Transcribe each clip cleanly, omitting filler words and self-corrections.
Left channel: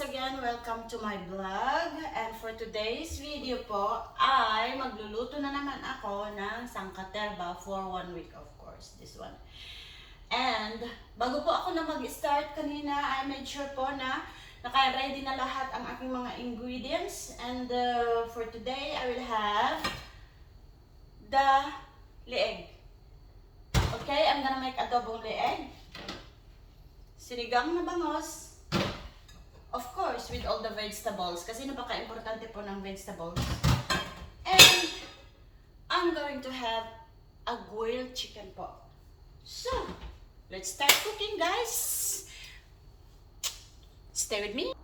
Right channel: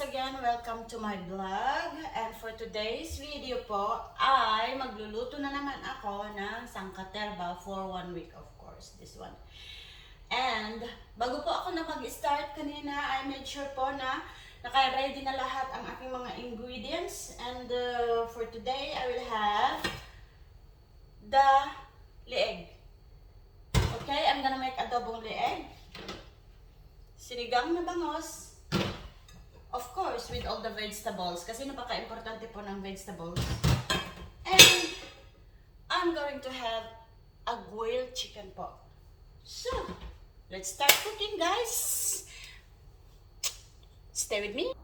once again, welcome to my vlog. And for today's video po, ay magluluto na naman ako ng sangkaterba for 1 week, of course, this one. And bago po ako na mag-start kanina, I made sure po na naka-ready na lahat ang aking mga ingredients. And for today, I will have the leeg. Okay, I'm gonna make adobong leeg. Sinigang na bangos. Of course, with all the vegetables. Kasi napaka-importante po ng vegetables. And I'm going to have a grilled chicken po. So, let's start cooking, guys. Stay with me.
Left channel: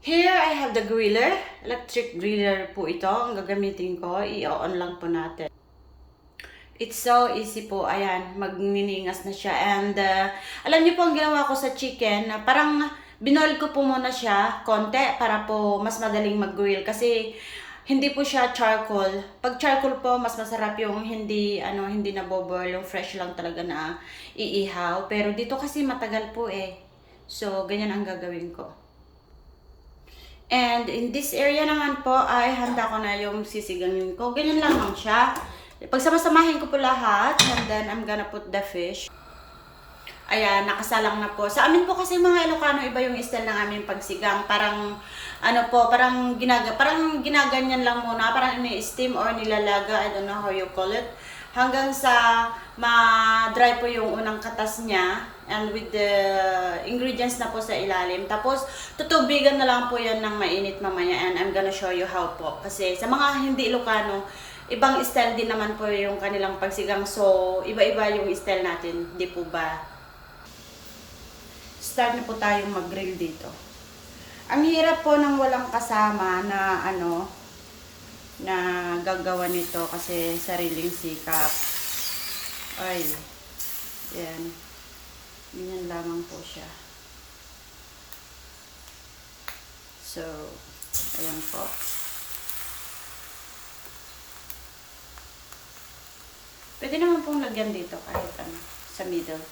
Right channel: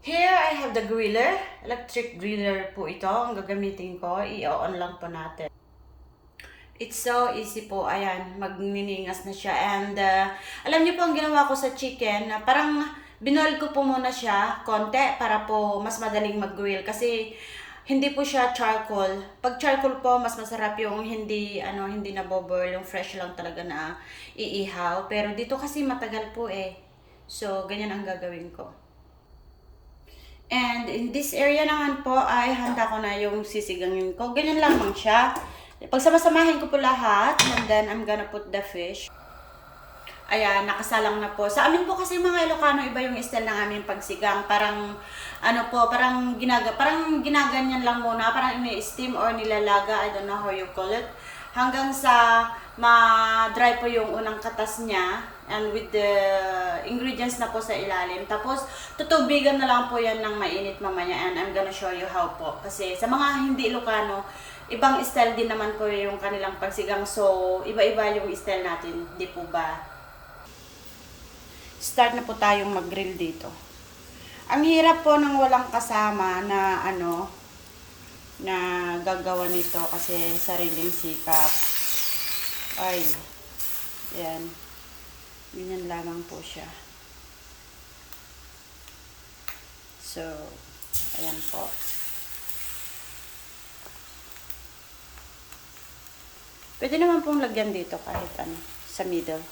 Here, I have the griller. Electric griller po ito. Ang gagamitin ko. I-on lang po natin. It's so easy po. Ayan, magniningas na siya. And alam niyo po ang ginawa ko sa chicken. Parang binoil ko po muna siya konti para po mas madaling mag-grill. Kasi hindi po siya charcoal. Pag charcoal po, mas masarap yung hindi naboboil. Yung fresh lang talaga na iihaw. Pero dito kasi matagal po eh. So, ganyan ang gagawin ko. And in this area naman po ay handa ko na yung sisigangin ko. Ganyan lamang siya. Pagsamasamahin ko po lahat, and then I'm gonna put the fish. Ayan, nakasalang na po. Sa amin po kasi mga Ilocano, iba yung style ng aming pagsigang. Parang, parang ginaganyan lang muna. Parang ini-steam or nilalaga. I don't know how you call it. Hanggang sa ma-dry po yung unang katas niya. And with the ingredients na po sa ilalim. Tapos, tutubigan na lang po yan ng mainit mamaya. And I'm gonna show you how po. Kasi sa mga hindi Ilocano, ibang style din naman po yung kanilang pagsigang. So, iba-iba yung style natin. Di po ba? Start na po tayong mag-grill dito. Ang hirap po ng walang kasama na na gagawa nito kasi sariling sikap. Ay, yan. Ganyan lamang po siya. So, ayan po. Pwede naman pong lagyan dito kahit sa middle.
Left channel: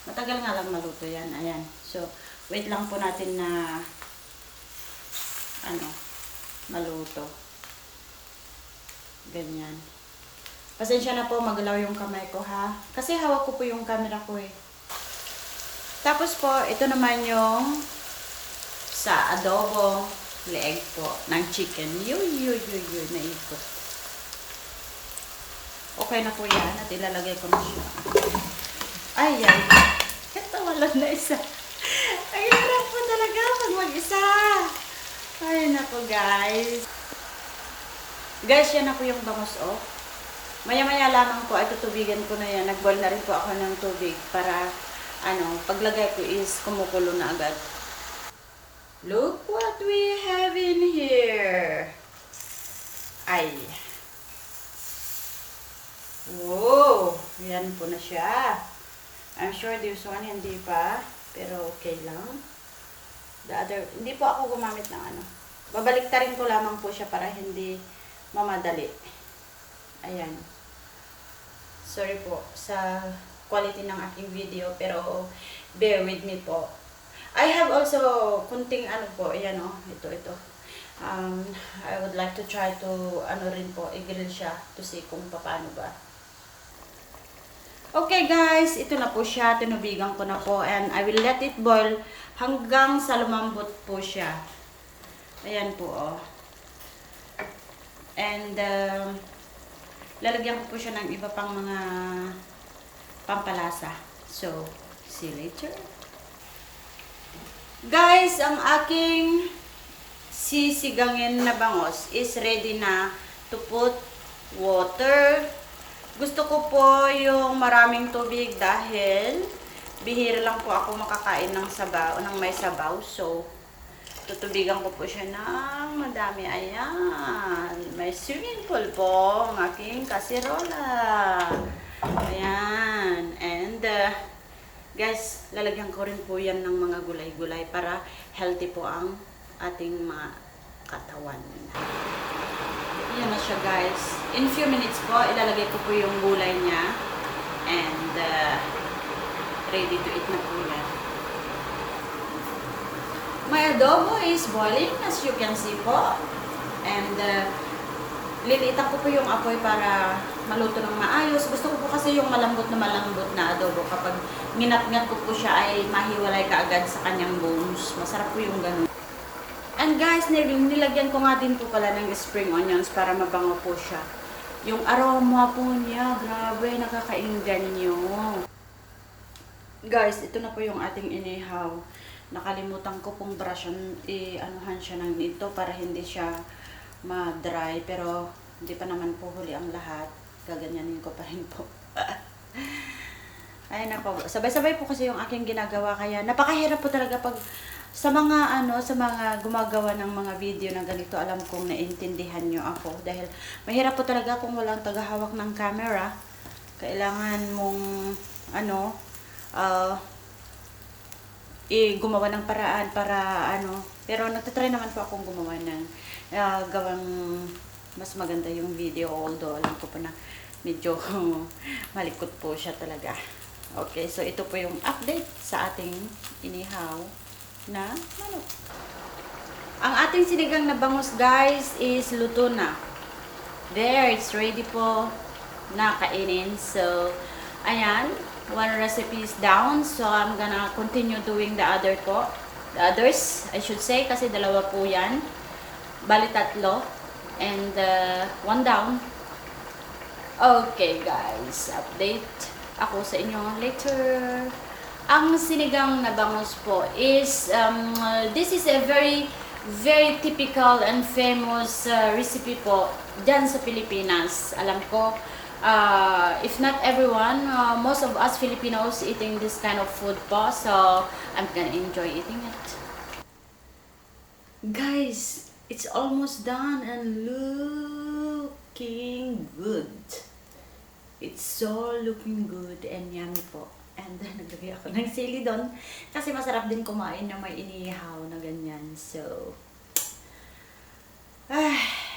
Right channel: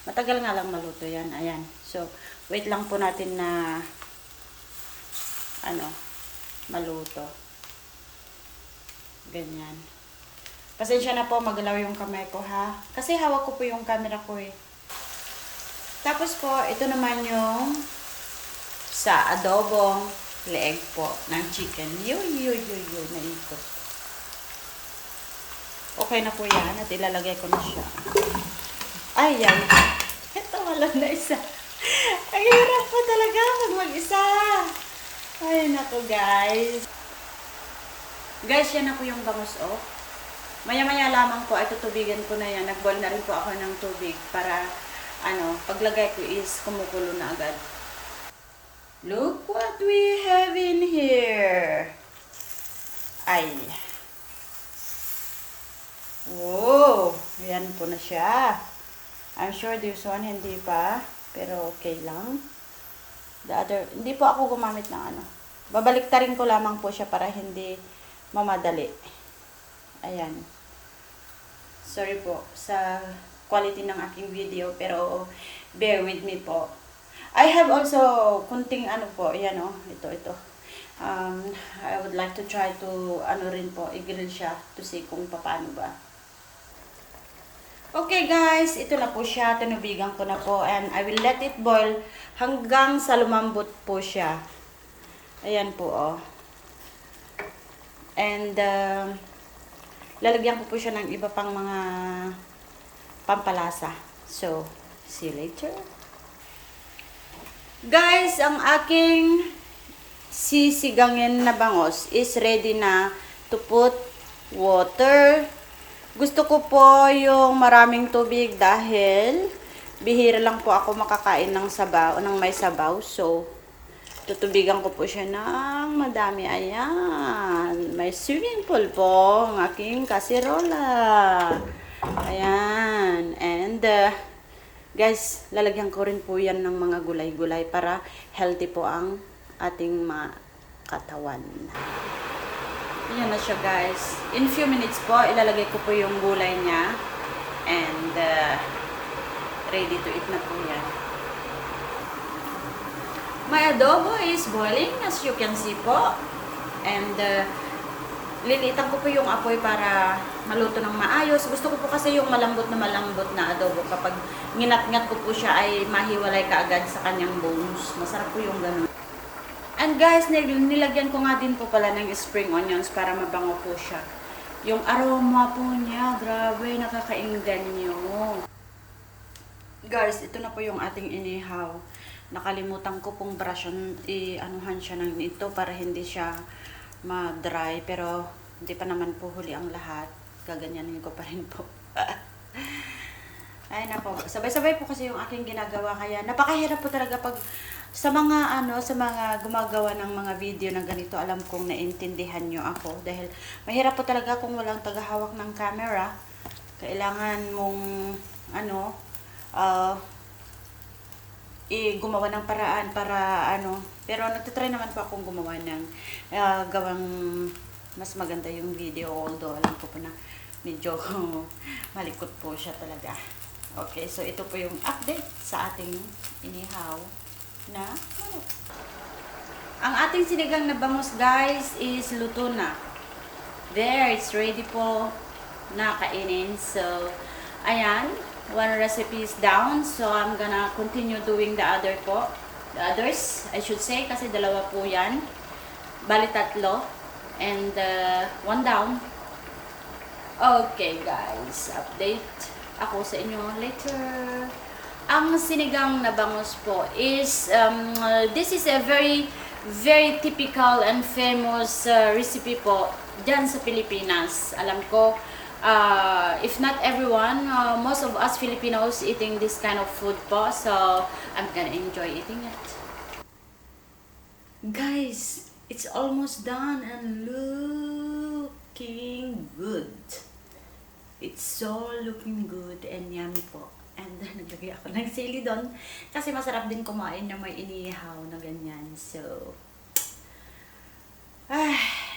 Matagal nga lang maluto yan. Ayan. So, wait lang po natin na maluto. Ganyan. Pasensya na po, magalaw yung kamay ko ha. Kasi hawak ko po yung camera ko eh. Tapos po, ito naman yung sa adobong leeg po ng chicken. Naikot. Okay na po yan at ilalagay ko na siya. Ay. Ito, walang na isa. Ang hirap po talaga pag mag-isa. Ay, naku guys. Guys, yan na po yung bangus Maya-maya lamang po ay tutubigan ko na yan. Nag-boil na rin po ako ng tubig para, paglagay ko is kumukulo na agad. Look what we have in here. Ay. Wow! Yan po na siya. I'm sure this one hindi pa. Pero okay lang. The other, hindi po ako gumamit ng Babaliktarin ko lamang po siya para hindi mamadali. Ayan. Sorry po sa quality ng aking video. Pero bear with me po. I have also kunting po. Ayan Ito. I would like to try to rin po. I-grill siya to see kung paano ba. Okay guys, ito na po siya. Tinubigan ko na po. And I will let it boil hanggang sa lumambot po siya. Ayan po And lalagyan ko po siya ng iba pang mga pampalasa. So, see you later. Guys, ang aking sisigangin na bangos is ready na to put water. Gusto ko po yung maraming tubig dahil bihira lang po ako makakain ng sabaw, ng may sabaw. So, tutubigan ko po siya ng madami. Ayan. May swimming pool po ang aking kasirola. Ayan. And, guys, lalagyan ko rin po yan ng mga gulay-gulay para healthy po ang ating mga katawan. Yan na siya guys. In few minutes po, ilalagay ko po yung gulay niya. And ready to eat na po yan. My adobo is boiling, as you can see po. And liliitan ko po yung apoy para maluto ng maayos. Gusto ko po kasi yung malambot na adobo. Kapag nginat-ngat ko po siya ay mahiwalay kaagad sa kanyang bones. Masarap po yung ganun. And guys, nilagyan ko nga din po pala ng spring onions para mabango po siya. Yung aroma po niya, grabe, nakakainggan nyo. Guys, ito na po yung ating inihaw. Nakalimutan ko pong brushan, anuhan siya ng ito para hindi siya ma-dry. Pero hindi pa naman po huli ang lahat. Gaganyanin ko pa rin po. Ay nako, sabay-sabay po kasi yung aking ginagawa, kaya napakahirap po talaga pag sa mga sa mga gumagawa ng mga video na ganito. Alam kong naintindihan nyo ako dahil mahirap po talaga kung walang tagahawak ng camera. Kailangan mong gumawa ng paraan para pero nagtatry naman po akong gumawa ng gawang mas maganda yung video, although alam ko po na medyo malikot po siya talaga. Okay, so ito po yung update sa ating inihaw na manok. Ang ating sinigang na bangus, guys, is luto na. There, it's ready po na kainin. So, ayan, one recipe is down. So, I'm gonna continue doing the other po. The others, I should say, kasi dalawa po yan. Bali tatlo. And one down. Okay, guys, update ako sa inyo later. Ang sinigang na bangus po is this is a very typical and famous recipe po dyan sa Pilipinas. Alam ko, if not everyone, most of us Filipinos eating this kind of food po. So, I'm gonna enjoy eating it. Guys, it's almost done and looking good. It's so looking good and yummy po. And naglagay ako ng sili doon kasi masarap din kumain na may inihaw na ganyan. So,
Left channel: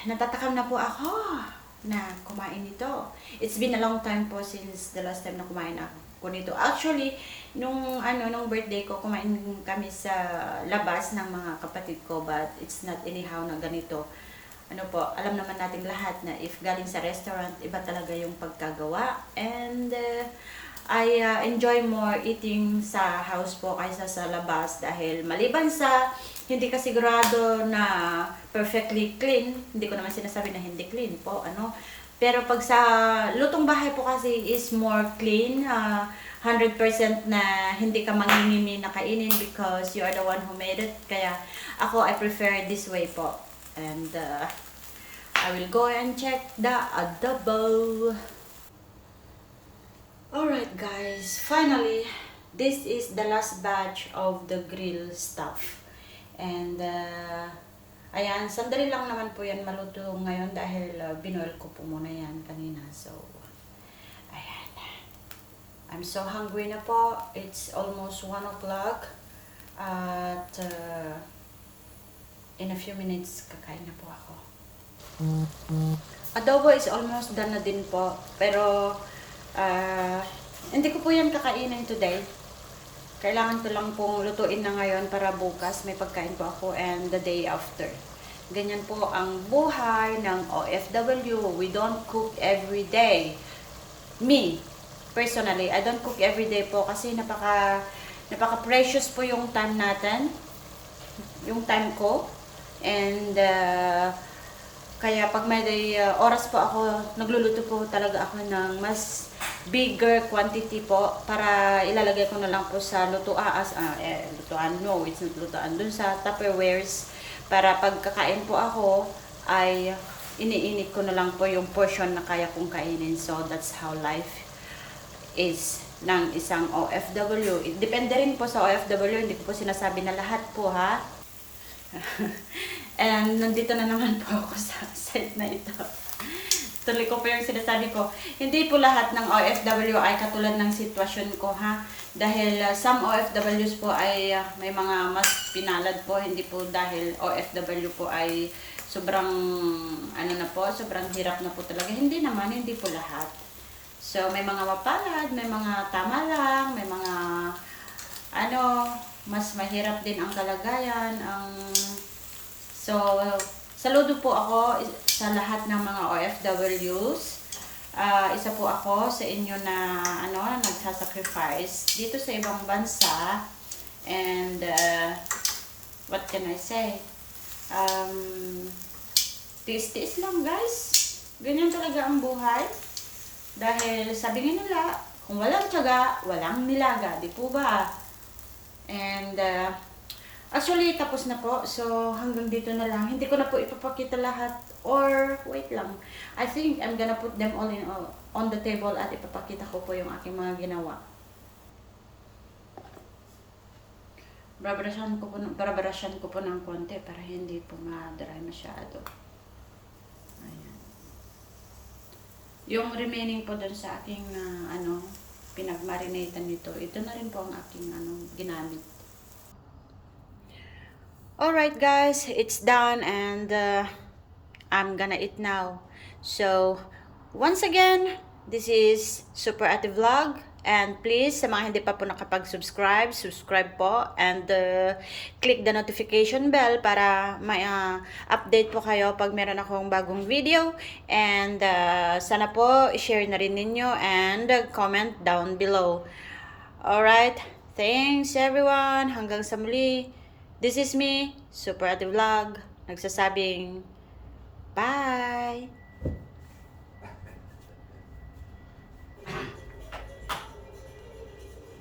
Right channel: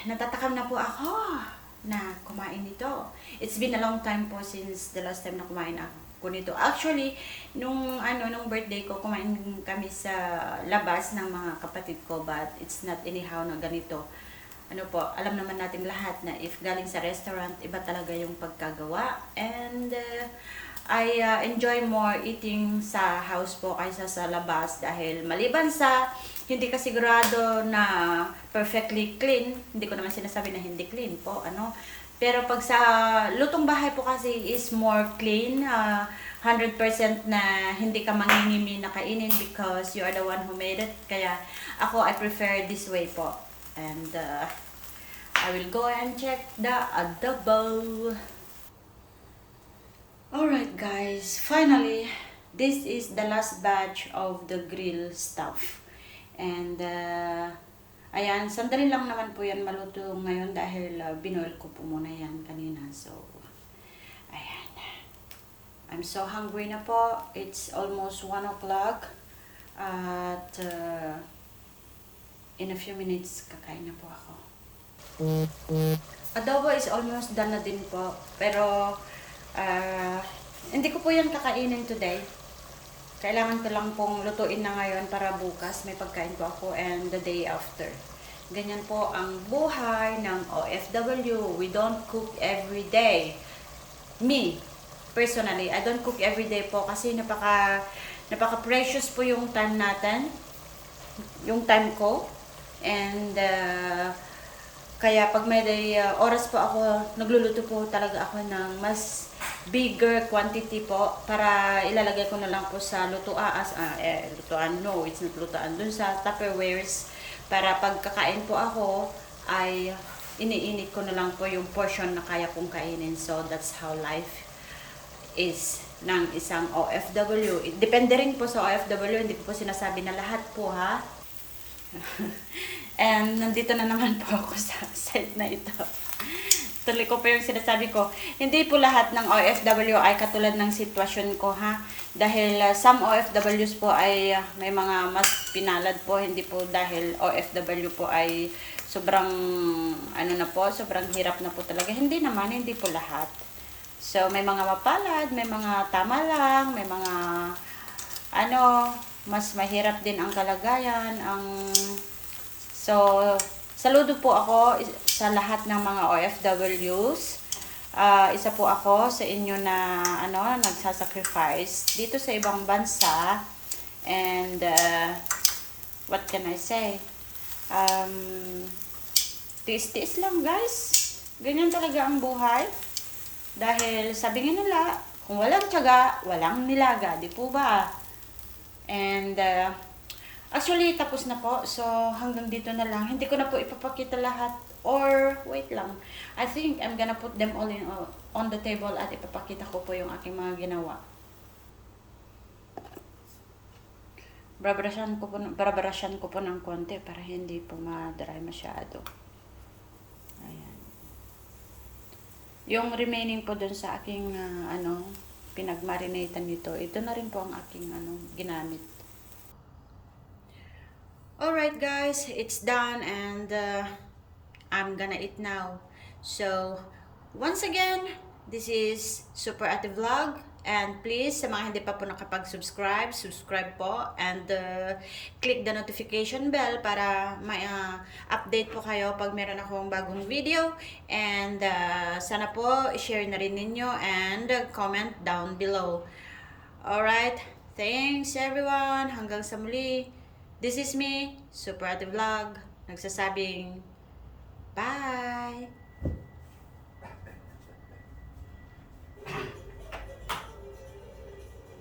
natatakam na po ako na kumain nito. It's been a long time po since the last time na kumain ako nito. Actually, nung birthday ko, kumain kami sa labas ng mga kapatid ko, but it's not inihaw na ganito. Alam naman nating lahat na if galing sa restaurant, iba talaga yung pagkagawa. And I enjoy more eating sa house po kaysa sa labas dahil maliban sa hindi ka sigurado na perfectly clean, hindi ko naman sinasabi na hindi clean po, pero pag sa lutong bahay po kasi is more clean, 100% na hindi ka mangingimi na kainin because you are the one who made it. Kaya ako, I prefer this way po. And I will go and check the adobo. Alright guys, finally, this is the last batch of the grill stuff. And ayan, sandali lang naman po yan maluto ngayon dahil binoil ko po muna yan kanina. So, ayan. I'm so hungry na po. It's almost 1 o'clock. At in a few minutes, kakain na po ako. Adobo is almost done na din po. Pero, hindi ko po yan kakainin today. Kailangan ko lang pong lutuin na ngayon para bukas may pagkain po ako and the day after. Ganyan po ang buhay ng OFW. We don't cook every day. Me, personally, I don't cook every day po kasi napaka-precious po yung time natin. Yung time ko. And kaya pag may oras po ako, nagluluto po talaga ako ng mas bigger quantity po para ilalagay ko na lang po sa lutuan. No, it's not lutuan. Dun sa Tupperwares para pagkakain po ako ay iniinit ko na lang po yung portion na kaya kong kainin. So that's how life is ng isang OFW. Depende rin po sa OFW, hindi ko po sinasabi na lahat po ha. And nandito na naman po ako sa site na ito. Tuloy ko po yung sinasabi ko. Hindi po lahat ng OFW ay katulad ng sitwasyon ko ha. Dahil some OFWs po ay may mga mas pinalad po. Hindi po dahil OFW po ay sobrang sobrang hirap na po talaga. Hindi naman, hindi po lahat. So may mga mapalad, may mga tama lang, may mga mas mahirap din ang kalagayan. So, saludo po ako sa lahat ng mga OFWs. Isa po ako sa inyo na nagsasacrifice dito sa ibang bansa. And what can I say? Tiis-tiis lang, guys. Ganyan talaga ang buhay. Dahil sabi nga nila, kung walang tiyaga, walang nilaga, di po ba? And actually, tapos na po. So, hanggang dito na lang. Hindi ko na po ipapakita lahat. Or, wait lang. I think I'm gonna put them all on the table at ipapakita ko po yung aking mga ginawa. Barabarasyan ko po ng konti para hindi po ma-dry masyado. Ayan. Yung remaining po dun sa aking pinagmarinatan nito, ito na rin po ang aking ginamit. Alright guys, it's done and I'm gonna eat now. So, once again, this is Super Ate Vlog. And please, sa mga hindi pa po nakapag-subscribe, subscribe po. And click the notification bell para may update po kayo pag meron akong bagong video. And sana po, share na rin ninyo and comment down below. Alright, thanks everyone. Hanggang sa muli. This is me, Super Ate Vlog, nagsasabing, bye!